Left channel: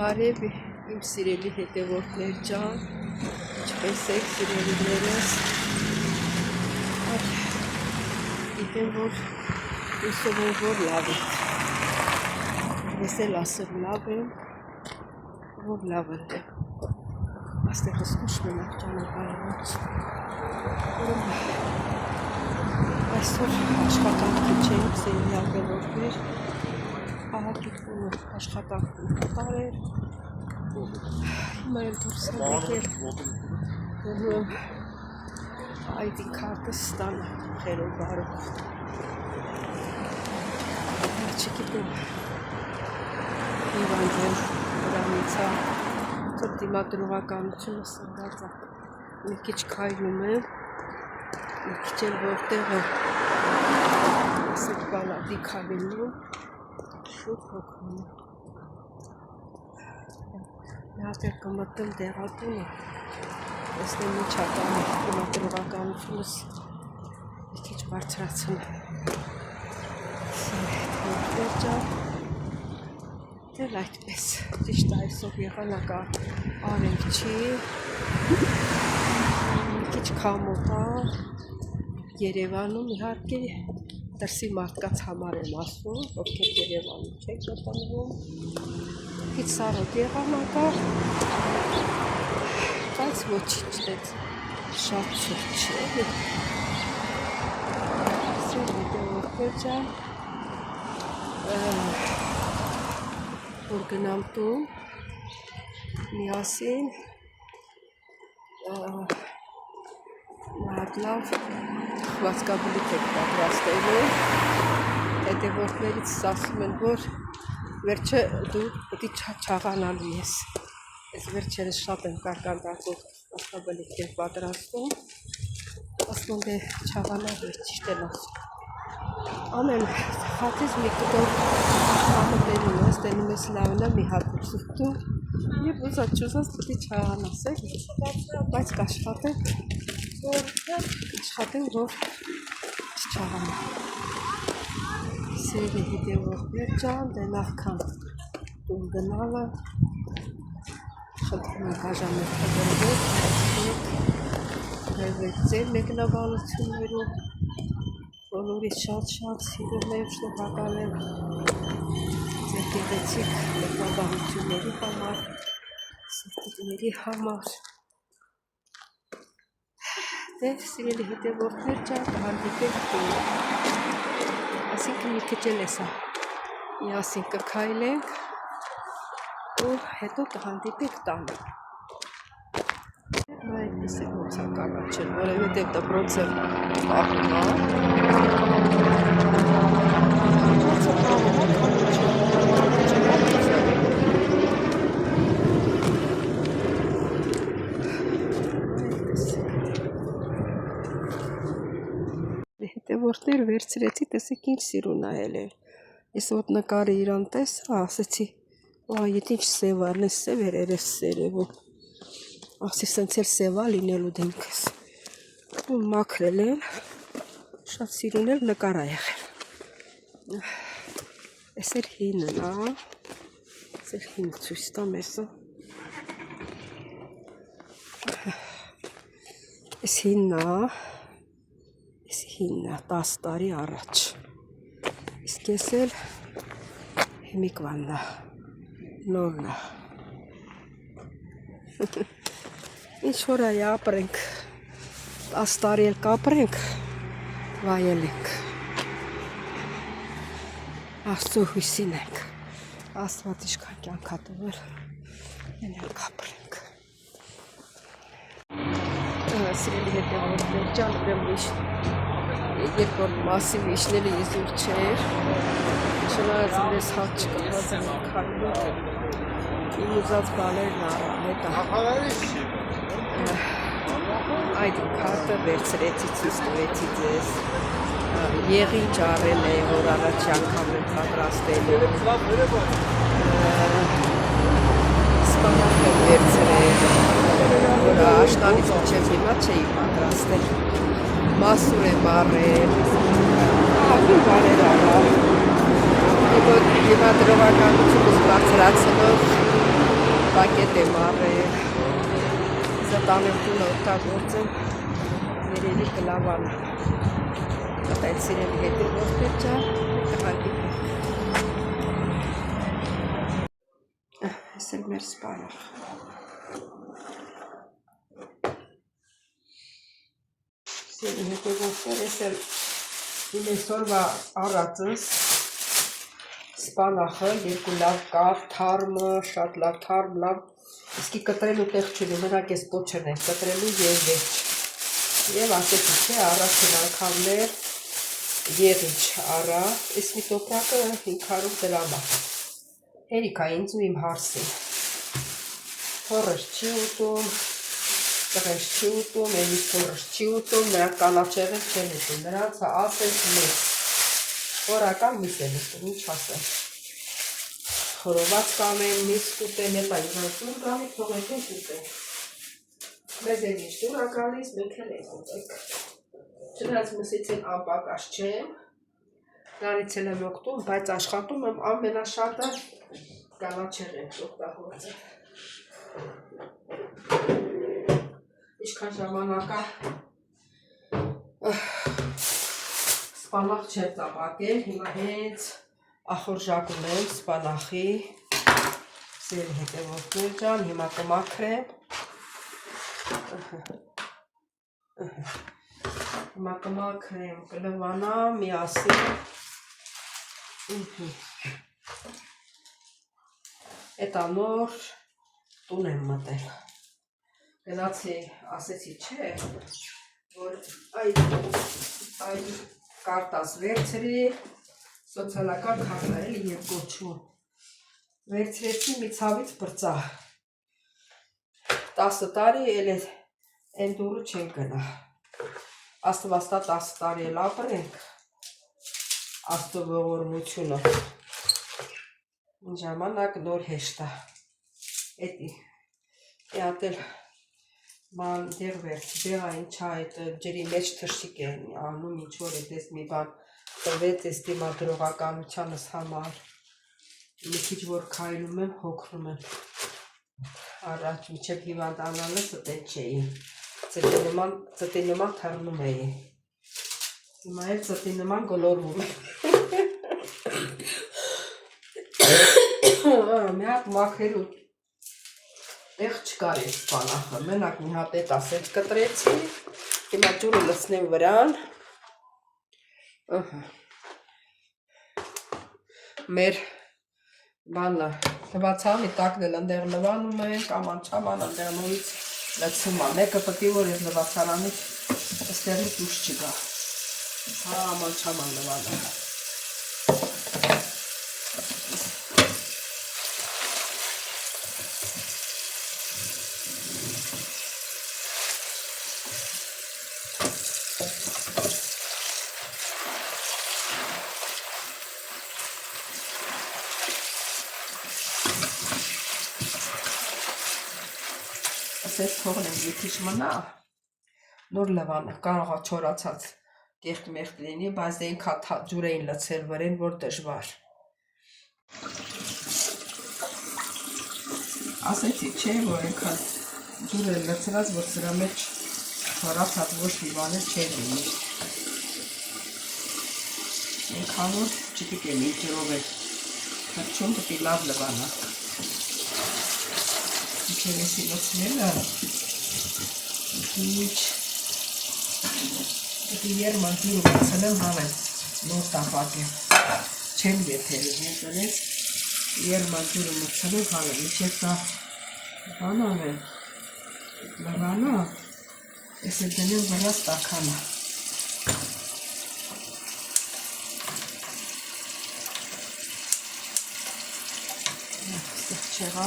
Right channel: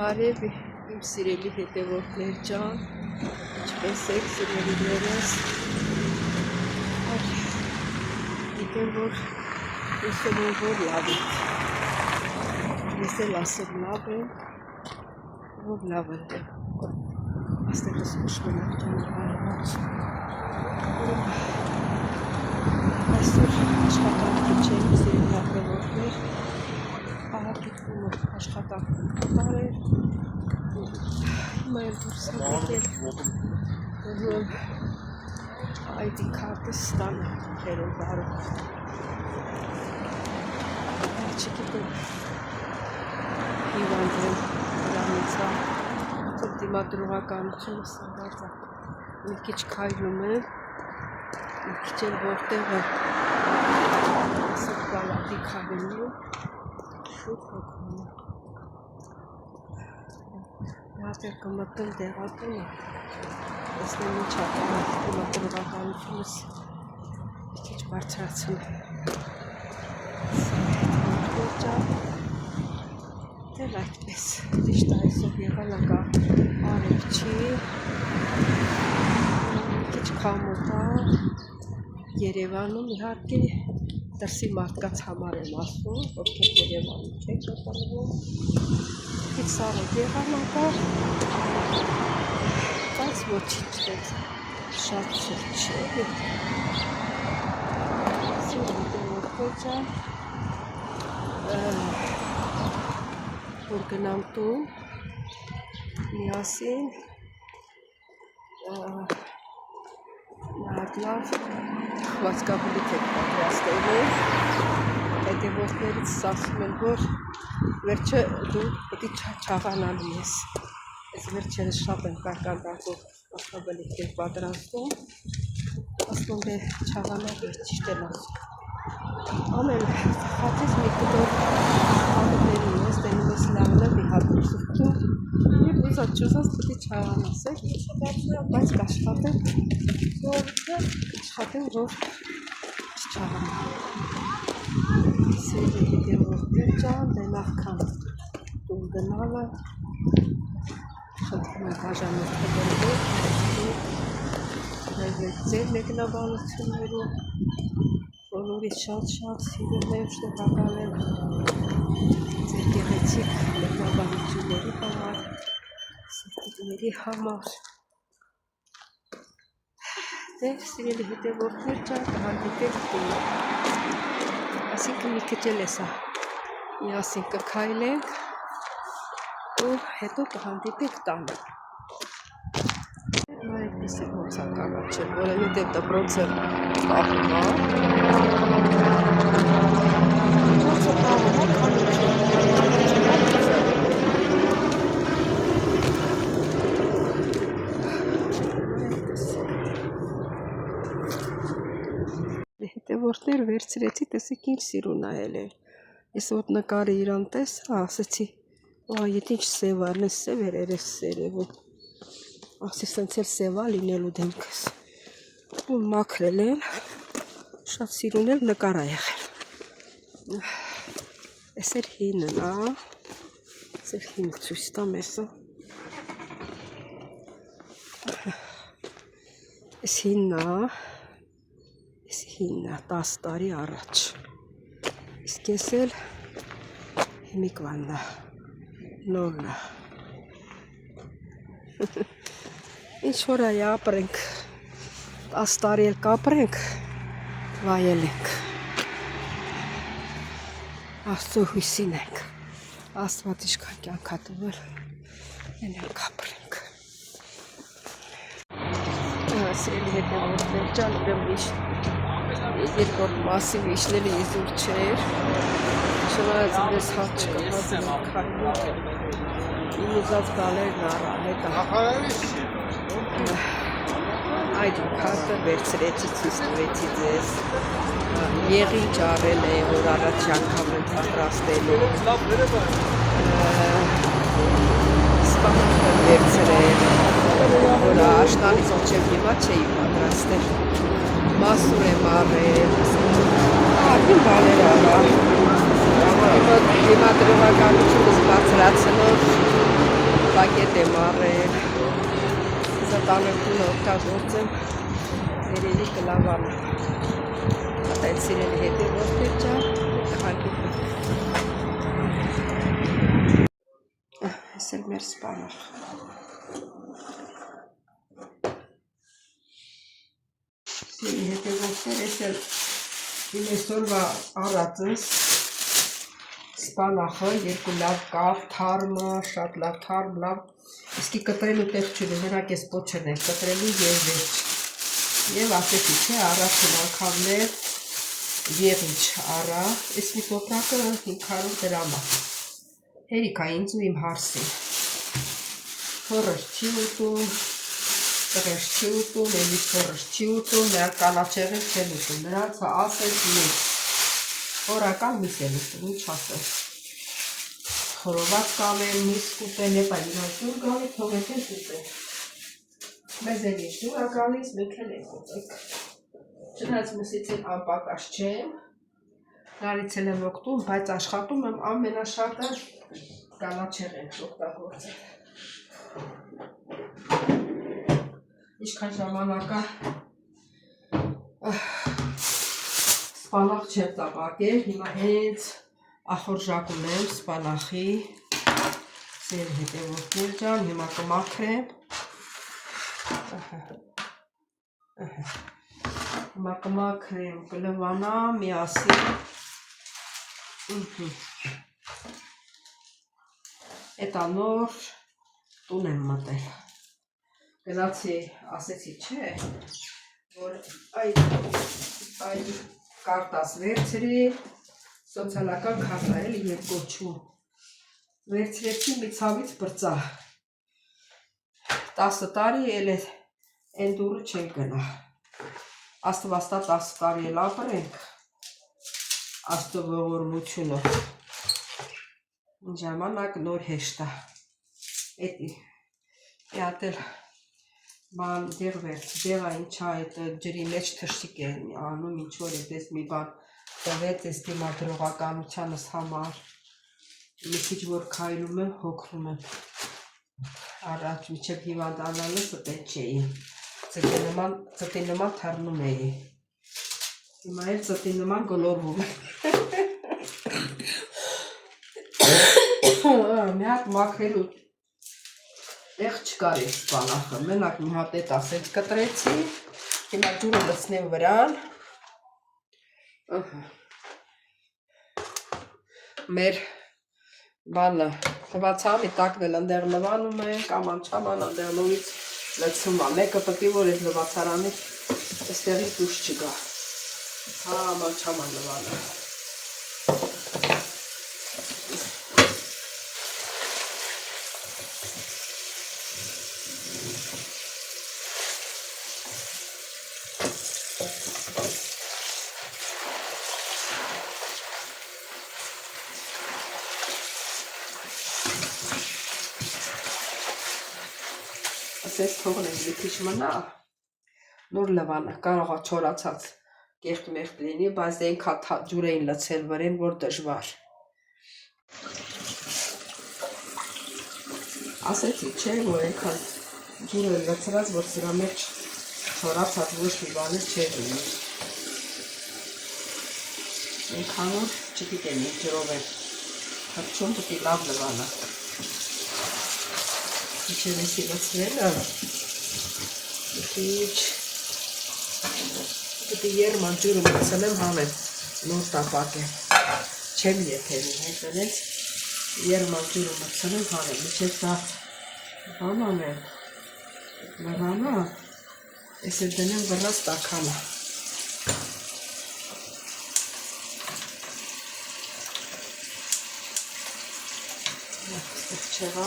Բարև իմ սիրելի հետևորդներ ջան, ինչպես եք սիրելիներս, գիտեմ, որ հուսով եմ, որ լավ եք, ես էլ ասեմ լավ եմ, որ լավ եմ, աստեղս ուշ մնակ ճանապարհված, այսօր աշխատանքի չենք սիրելի հետևորդներ, ահագիտվում աշխատանքում կատարել, հիմա էլ դուրս եմ եկել, ID քարտը ստանա խերով բարով, չգիտեմ, հիվանդ եմ, վրանից դիմադրողականությունը սնգած է, մի քիչ քայլում եմ, մի քիչ էլ որտեղը ասեք բալատի քայլում, շուտ հոգնում եմ, մի հատ էլ կմտնեմ դեղատունը, տեսնեմ ինչ ականի դիմադրողականությունս մի քիչ բարձրացնեմ, դել այդպես, ճիշտ այսօր եղանակա արև չի, մի քիչ քամոտ է, Երևանում իհարկե դրսի մարդկանց համար եմ ասում, ովքեր Երևանում չեք գտնվում, քիչ սառոտ եղանակա, բայց ոչինչ դեց շատ ցուրտ չէ, հետևորդներ ջան, որ գնամ տուն, միասին, նահատ լավ խվածքաբլիթ եք պատրաստելու, հետևորդներից ասում են, որ վերջը դու պետք է չաղանալու ես, ես վերջերս շատ եմ կարկանդակով խվածքաբլիթ եք պատրաստում, ասում է չաղանալ ես ճիշտ են ասում, ամեն հատից մի կտոր բանը բերում ես, դենում ես լավնը մի հատ սուրտում և ուզած չուզած պետք է չաղանաս էլ, բայց կաշխատեմ, որ չաղանա։ Սիրելի հետևորդներ ջան, դե նախքան տուն գնալը, խնդրում ենք աժամերթը գրվեք ձեր մեկնաբանություններում, բոլորից շատ սիրում եմ, շնորհակալ եմ ձեր գեղեցիկ մեկնաբանությունների համար, սրտիկների համար։ Դե սիրելի հետևորդներ ջան, կհանդիպենք տուն։ Այսինքն մի քիչ էլ էսա միասին կքայլենք ու հետո կհանդիպենք տանը։ Նայեք տեսեք ոնց է կանաչել, որովհետև դպրոց եմ պահում, հետևորդներ վերցրեցի, տեսեք ինչ սիրուն ել է, ես ոտ նկարը իրան տեսա, ասեցի, ետ ինչ սև արն է, սև էր սերևում, ասի սենց էլ սևա լինելու դեմքս, ու մաքրել եմ, շատ սիրուն էլ նկար ա եղել, ես էր հինն ա, ես էր հին ցույց տամ եսը, ես հինն ա, 10 տարի առաջ, իսկ ես էլ հիմիկվանն ա, նորն ա, ինչ որ այ ապրենք, 10 տարի էլ կապրենք, վայել ենք, Աստծո հույսին ենք, Աստված իշքան կյանք տվել, ենք ապրենք։ Սիրելի հետևորդներ ջան, ուրեմն երկրորդ մասի վիշները իզուր չէր, չնայած վրես հատ չկա, հազր եմ քայլում, իմ ուզած բաներն առա, հետա այդ քարտը վերցրեցի, ցույց տվեցի ձեզ, եղինջ առել է, որ առաջի անգամ եմ պատրաստելու, սպանախ եմ վերցրել, որ աշնանից մինչև հիմա չէի պատրաստել, մասուր եմ առել, ահագին բաներ առա, հիմա դրողականությունս բարձրացնող Պակետ եմ առել, սա տանրդուն օգտագործեմ, երևի կլավան, ատայց սիրելի հետ է ոսպեր ճար, տղանքիտ ենք, ես էլ մեր սպանախ, սիրելի հետ է ոսպեր, ես էլ իմ այսօրվա առածս, սպանախը, երկու լավ կար, թարմը, շատ լավ թարմ, լավ, իսկի կտրելու տեղ չունի, մենակ ես պոչն էր, կտրելու և վերջ, և ասեցի չէ, առաջին անգամներ եղիչ առա, իսկ մի տոպրակը 500 դրամ է, հերիք է ինձ ու իմ հարսին, փորս չի ուտում, տղերս չի ուտում, էլիս փորս չի ուտում, նրանք կանաչեղեն չեն ուտում, նրանց ասես մեծ, օրական միս են ուտում, ինչ ասեմ, խորոված կամեն, միս կուտեն, հետա իրան տուր գալի, թողեք են ուտեն, մեզ են ինչ դուր ակալիս, մենք են ենք ուտեք, չնայած մսից են անպակաշ չեմ, նարից են եմ օգտում, բայց աշխատում եմ ամենաշատը կանաչեղեն օգտագործել, ինչքան ժամանակա սպանախ չեմ տապակել, հիմա հենց ախորժակում եմ սպանախի, սերի հետևորդներ ջան, հիմա կմաքրեմ, հիմա կմաքրեմ, կլվանա, միասին, էտա նոր տուն եմ մտել, գնացի, ասեցի չէ, որ այդ կարտաս վերցրի, սոցիալական քարտա էլի և կոչում, վերցրեցի մի ցավից բրծա, 10 տարի էլ են դուրը չեն գնա, աստվաստա 10 տարի էլ ապրենք, աստու ողորմությունը, ժամանակ նոր հեշտա, էտի, էատել ման դեղ վերց, դեղա ինչա այդ ջրի մեջ թշիկ է անում, ինչ որ էտես մի բան տվեց ես դիմադրողականությանս համար, մի քիչ որ քայլում եմ, հոգնում եմ, առաջ միջև հիվանդանալը ստել չէի, ծտի նման թռնում էի, հիմա էլ ծտի նման գոլորվում եմ, մի հատ մաքրելու տեղ չկար է սպանախը, մենակ մի հատ էտ ասեց կտրեցի, հիմա ջուրը լցնեմ վրան, մեր բանը լվացանի տակն էլ ընդեղ լվանում ենք, աման չաման ընդեղ նույնից լցում է, մեկը պտի որ ես լվացարանի ստեղից ուշ չգա, հա աման չաման լվանը, ասես թողնենք մի քիչ մնա, նոր լվանը, կարող է չորացած կեղտ մեղտ լինի, բայց դենքա ջուր էին լցել վրեն, որ դժվար, ասեցի չէ, որ ենքան ջուր են լցրած, որ սրա մեջ չորացած ոչ մի բանը չեր լինի, ենքան որ չպիտեմ մի ջրով է, հրճում պիտի լավ լվանա, Ինչերեսի լցնելը, պիտի երման ջուրը մացնեմ հանեմ, նոր տապակ եմ, չեմ եթերի հետոնեց, երման ջուրը մցնեմ հանեմ, միջև դա բանան եմ, լվանա, ես է դնում վրաս տականը, ստեղ չեղա,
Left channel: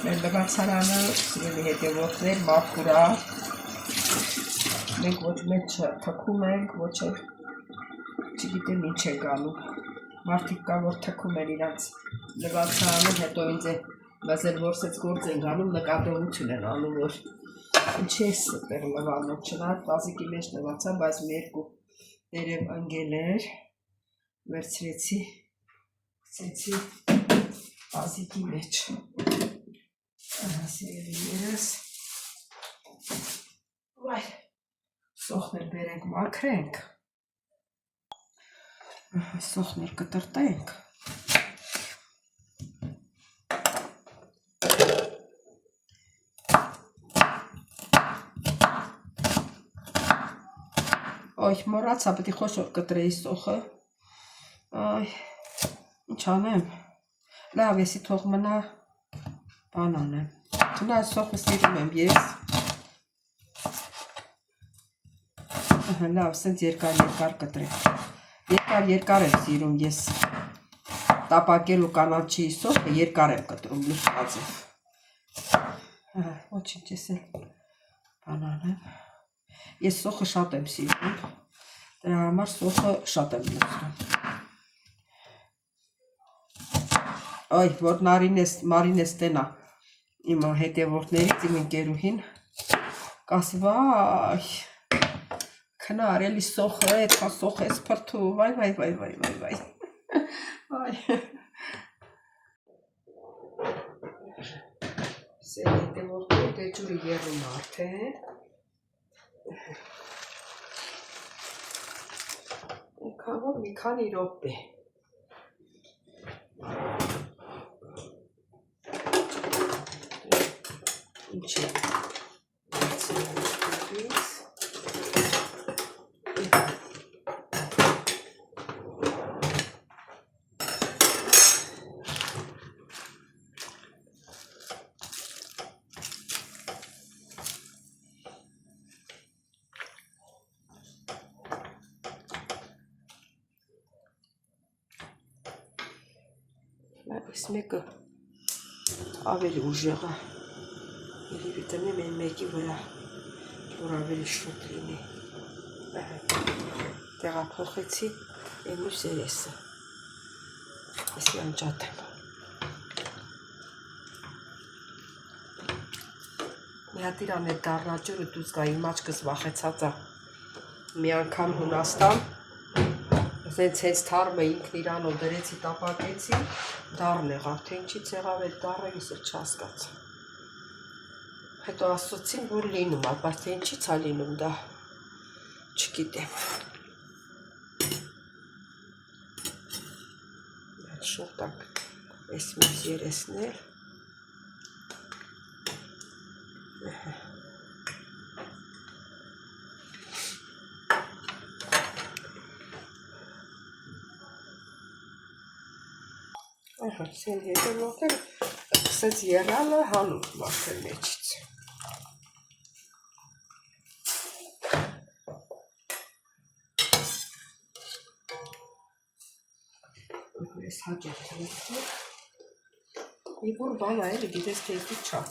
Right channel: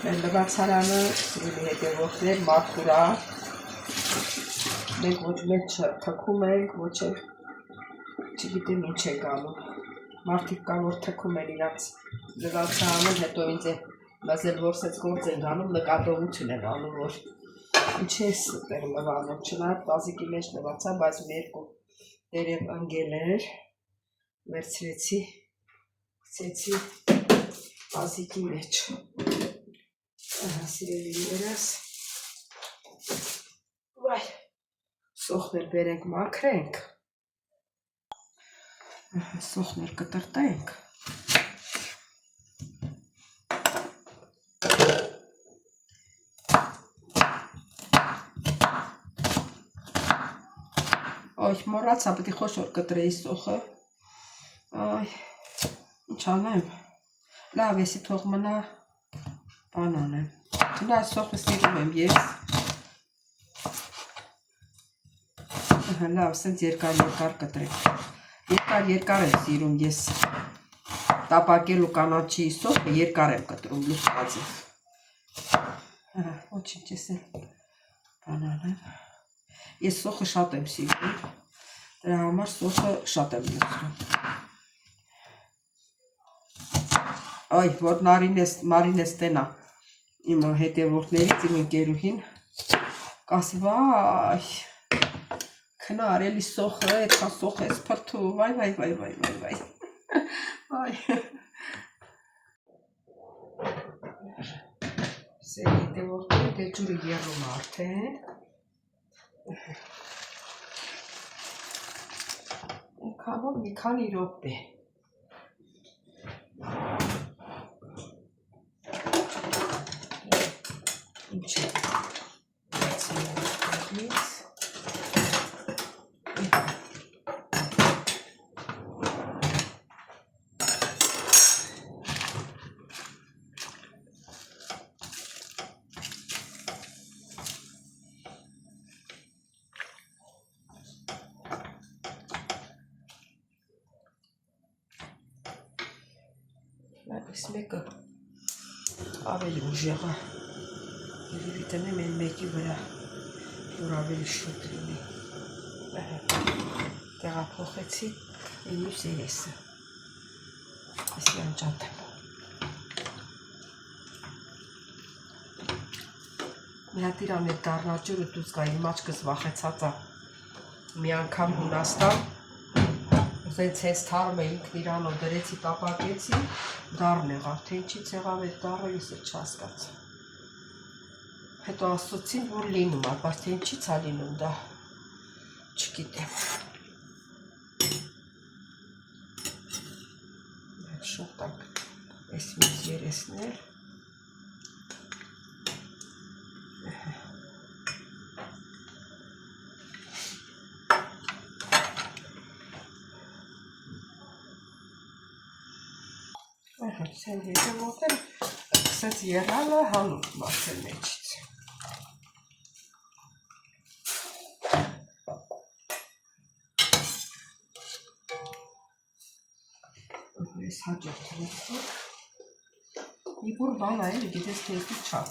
լվացարանը սիրելի հետևորդներ մաքուր է, մենք ոչ մեծ թքում ենք, ոչ էլ չգիտեմ ինչ ենք անում, մարդիկ կան, որ թքում են իրանց լվացարանը, հետո ինձ է մազել որսեց գործ են անում, նկատողություն են անում, որ ինչ ես տեղ լվանում, չնայած տազիկի մեջ լվացա, բայց մի երկու դերև ընգել էր, վերցրեցի, գցեցի տազիկի մեջ, սիրելի երես, վայ, սոխներ բերենք մաքրենք, սոխներ կտրտենք, Ոյ, մոռացա, պետք է խոշոր կտրեի սոխը, այ, ինչ անեմ, լավ, եսի թող մնա, բան անեմ, չնայած սոխը սիրում եմ ես, լավ, սենց երկար կտրեմ, երկար եմ սիրում ես, տապակելու կանաչի սոխը երկար եմ կտրում, լուսվածև, ոչինչ ես էլ բան անեմ, ես սոխը շատ եմ սիրում, դրա համար սոխը շատ եմ լցնում, այ, որ Մարինես տենա իմ հետևորդներից, իմ ընկերուհին, կասի, վայ, քնար, էլի սոխը, էտքա սոխ ես փրթու, վայ, Սեր հետևորդներ, դե ջուրը եռում արդեն, Ինքանով մի քանի րոպե, ինչ է, այս մեկը ավելի ուժեղ է, երևի տնեմ են մեկի վրա, որ ավելի շուտ լինի, տեղափոխեցի են լույս երեսը, եսի անջատեմ, մի հատ իրան է դառնաճուրը դուց գա, իմ աչքս վախեցած է, մի անգամ Հունաստան, Զենց հենց թարմը ինքն իրանով դրեցի տապակեցի, դառն եղավ, թե ինչից եղավ այդ դառը, ես էլ չհասկացա։ Հետո ասացին, որ լինում է, բայց թե ինչից է լինում դա, չգիտեմ։ Շուտ տակ այս մյուս երեսներ։ Սեն հետևոտեր, սենց եղալը հանում մարդել մեջից։ Ես հաջող թվեցի, մի բուր բան այլ գիտես կեզու չա։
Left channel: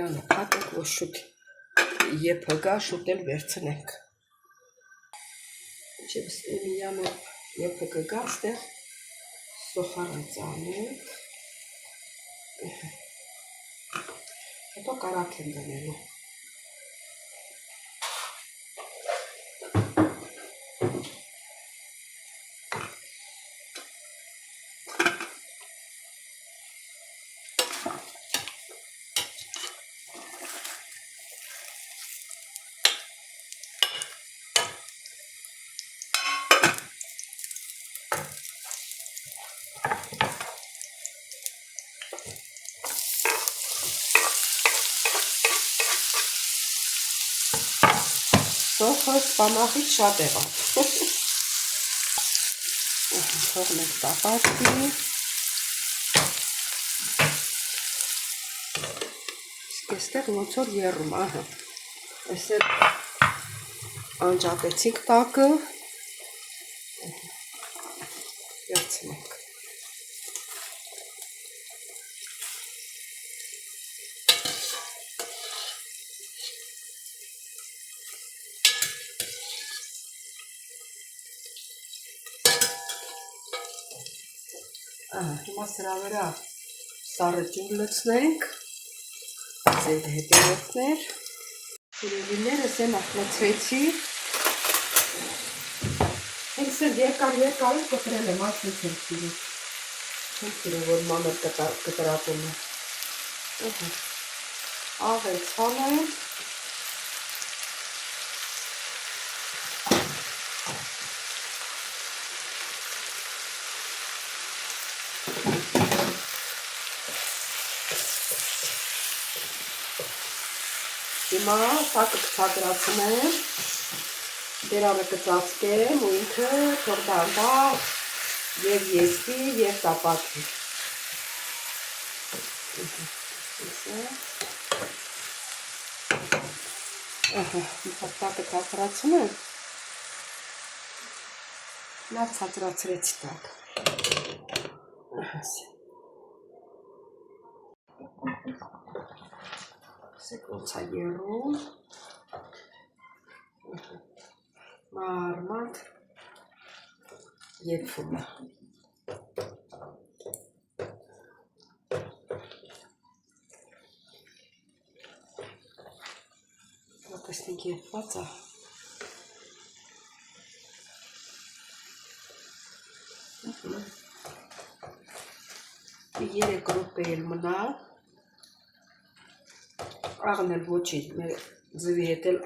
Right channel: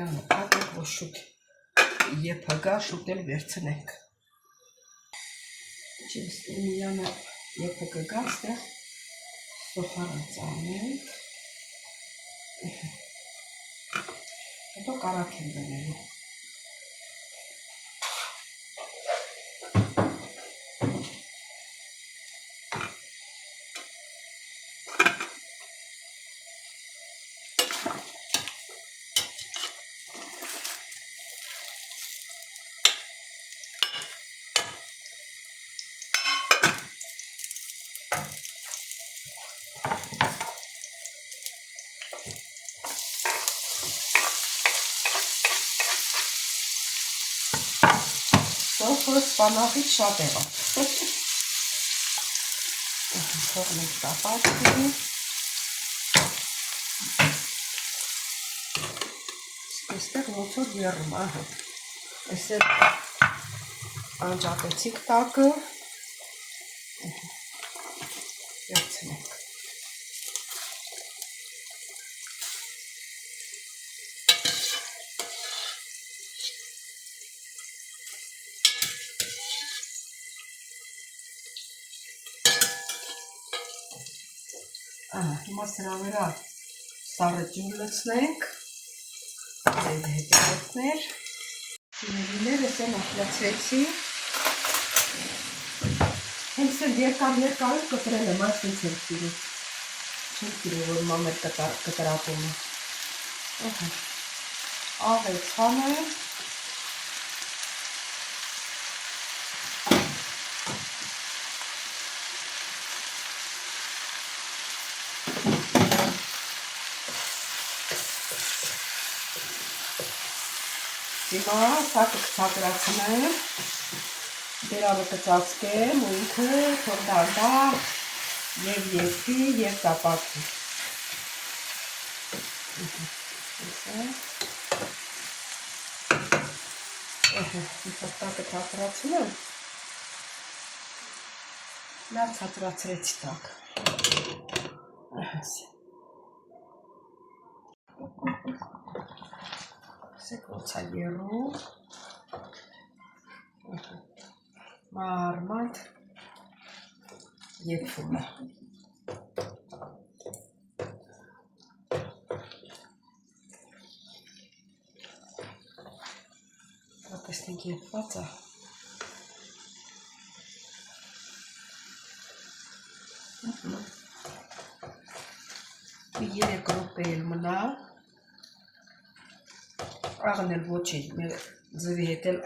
Լանը պատեք, որ շուտ եփը գա, շուտ էլ վերցնենք։ Չէ վստեմիանը եփը կգա, ստեղ սոխարը ծանենք։ Հետո կարակ եմ դնելու։ Սոխը սպանախից շատ եղավ։ Թողնենք տապակի։ Իսկ այստեղ ոնց որ եռում, ահա։ Այսօր անջատեցինք տակը։ Վերցնենք։ Հիմա սրա վրա սառը ջուր լցնենք, ձեր հետևորդներ, սիրելիներս են ախլացրեցի, հենց երկար կտրել եմ, այսպես եմ սիրում, չեմ սիրում, որ մամեր կտրատում է, աղել ցանեմ, հիմա սակը կցածրացնեմ, բերանը կծածկեմ ու ինքը թող դանդա և եզվի և տապակվի։ Սակը ցածրացնում եմ, լավ ցածրացրեցի տակը։ Սեք ոնց է եռում, մարմանդ եփում է։ Տեսնենք եփված է։ 3 րոպե էլ մնա, աղն էլ ոչի, մեր ձվի հետ էլ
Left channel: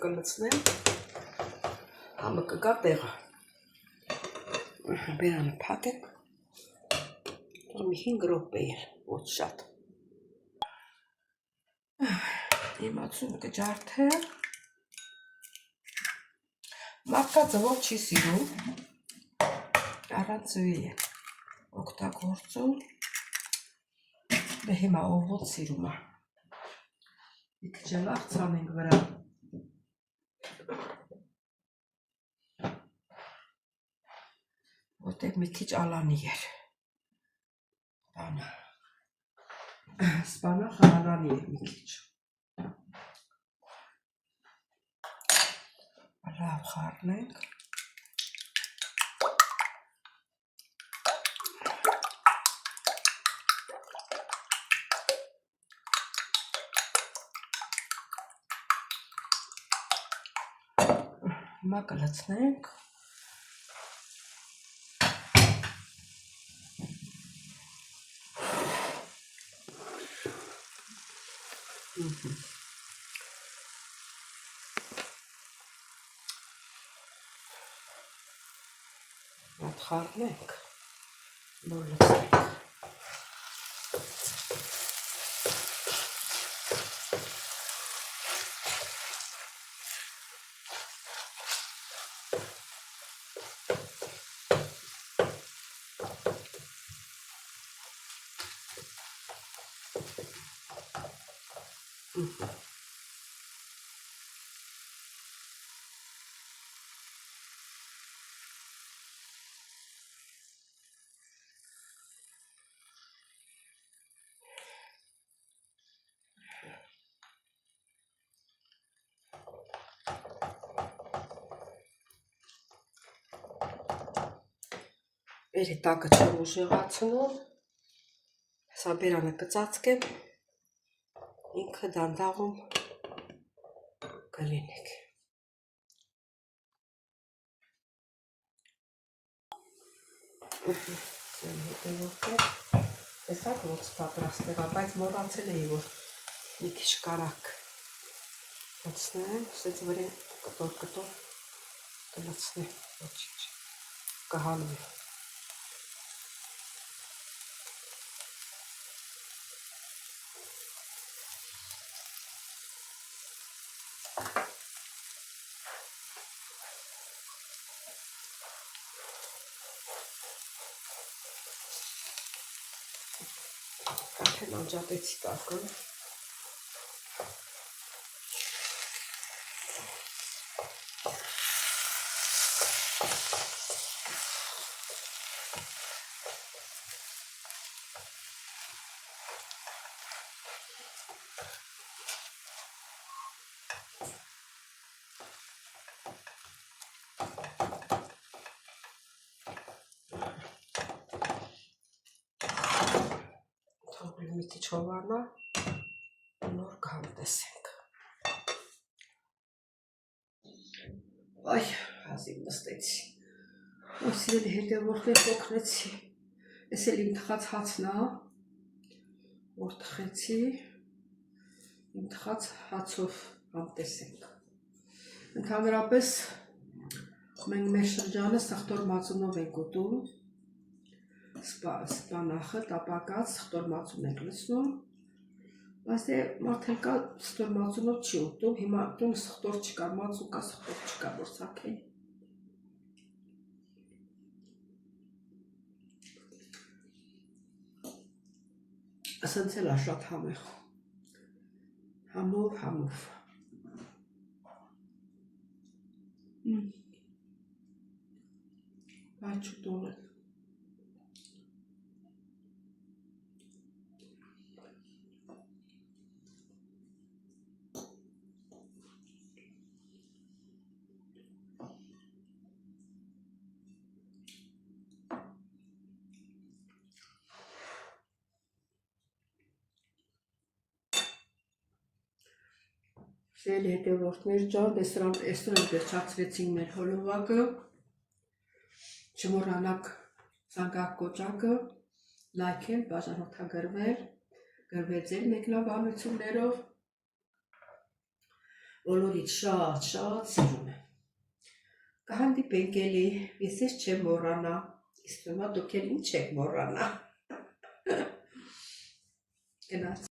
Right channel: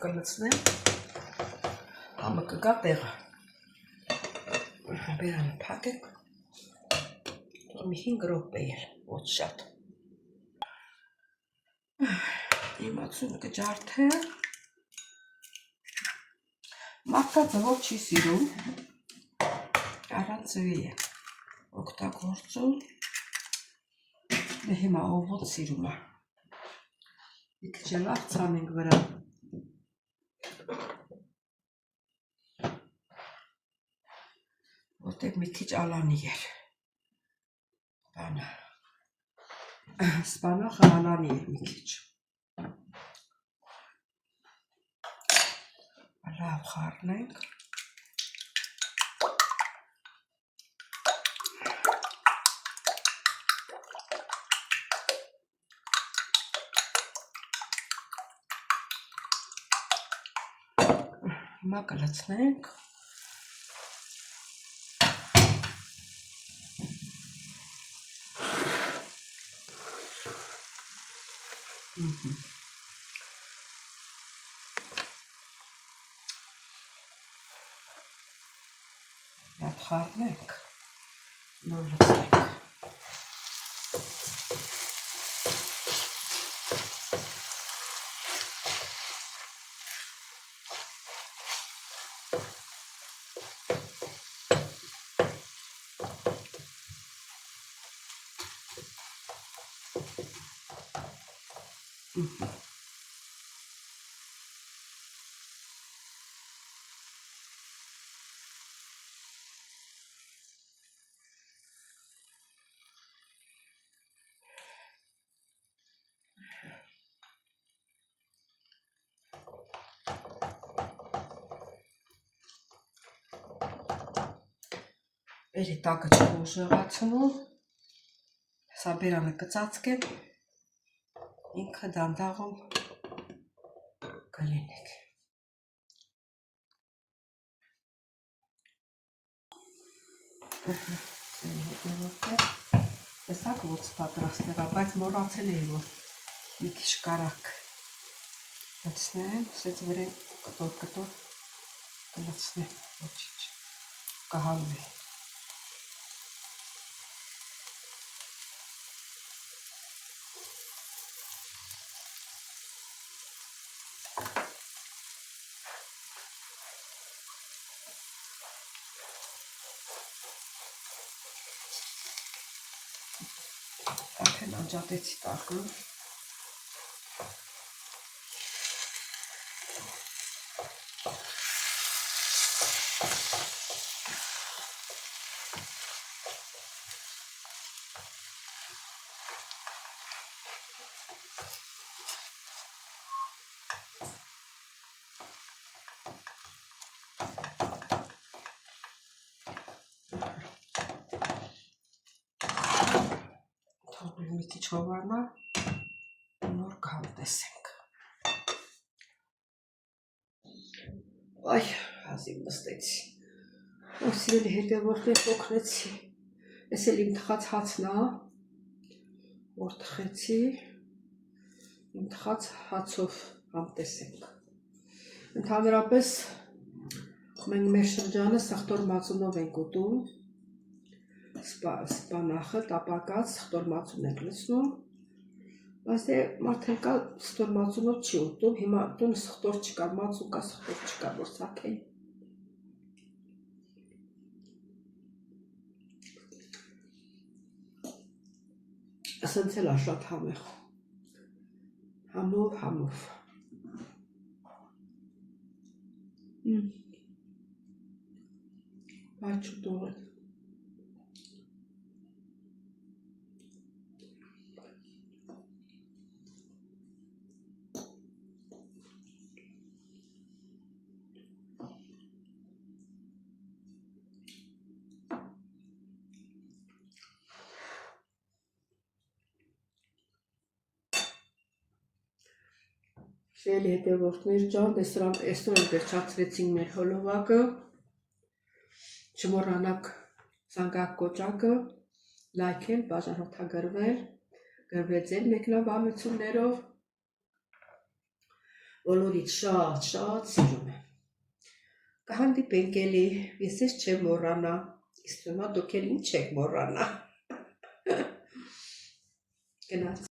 կլցնեմ, համը կգա տեղը, բերանը փակեմ, մի 5 րոպե էլ, ոչ շատ, հիմա ցույց կջարդեմ, մարդկա ձվով չի սիրում, առանց ձվի է օգտագործում, դե հիմա ով ոնց սիրում է, մի քիչ էլ աղցանենք վրա, որտեղ մի քիչ ալանի էր, սպանախը ալանի էր մի քիչ, լավ խառնենք, հիմա կլցնենք, լավ խառնենք, նոր լցնենք, Էրի տակը չեմ ուժեղացնում, սա բերանը կծածկեմ, ինքը դանդաղում կլինեք։ Տեսակ ոնց պատրաստ եղա, բայց մոռացել էի, որ մի քիչ կարակ լցնեմ, սենց վրան կտոր կլցնեմ, ոչինչ, կհալվի։ Արդեն անջատեցի տակը։ Թողնեմ մի քիչ հովանա, նոր գալտեսենք։ Այ, հազիվ նստեցի։ Ով սիրելի հետևորդներ օգնեցի։ Էս էլ իմ թխած հացն է, որ թխեցի, իմ թխած հացով համտեսենք։ Ընդհանրապես մենք մեր շրջանը սխտոր մածունով ենք ուտում, սպանախը, տապակած, սխտոր մածուն ենք լցնում, բայց մարդել կա սխտոր մածունով չի ուտում, հիմա տուն սխտոր չկա, մածուն կա, սխտոր չկա, որ սակեն։ Ասենց էլ շատ համեղ, համով։ Բայց չուտող են։ Սիրելի հետևորդներ ջան, այսօր էլ վերջացրեցինք մեր հոլովակը, չմոռանաք զանգակ կոճակը, լայքել, բաժանորդագրվել, գրվել ձեր մեկնաբանություններով, բոլորիդ շատ սիրում եմ։ Կհանդիպենք էլի, ես չեմ մոռանա, իսկ հիմա դուք էլ ինչ եք մոռանա։ Գնաց։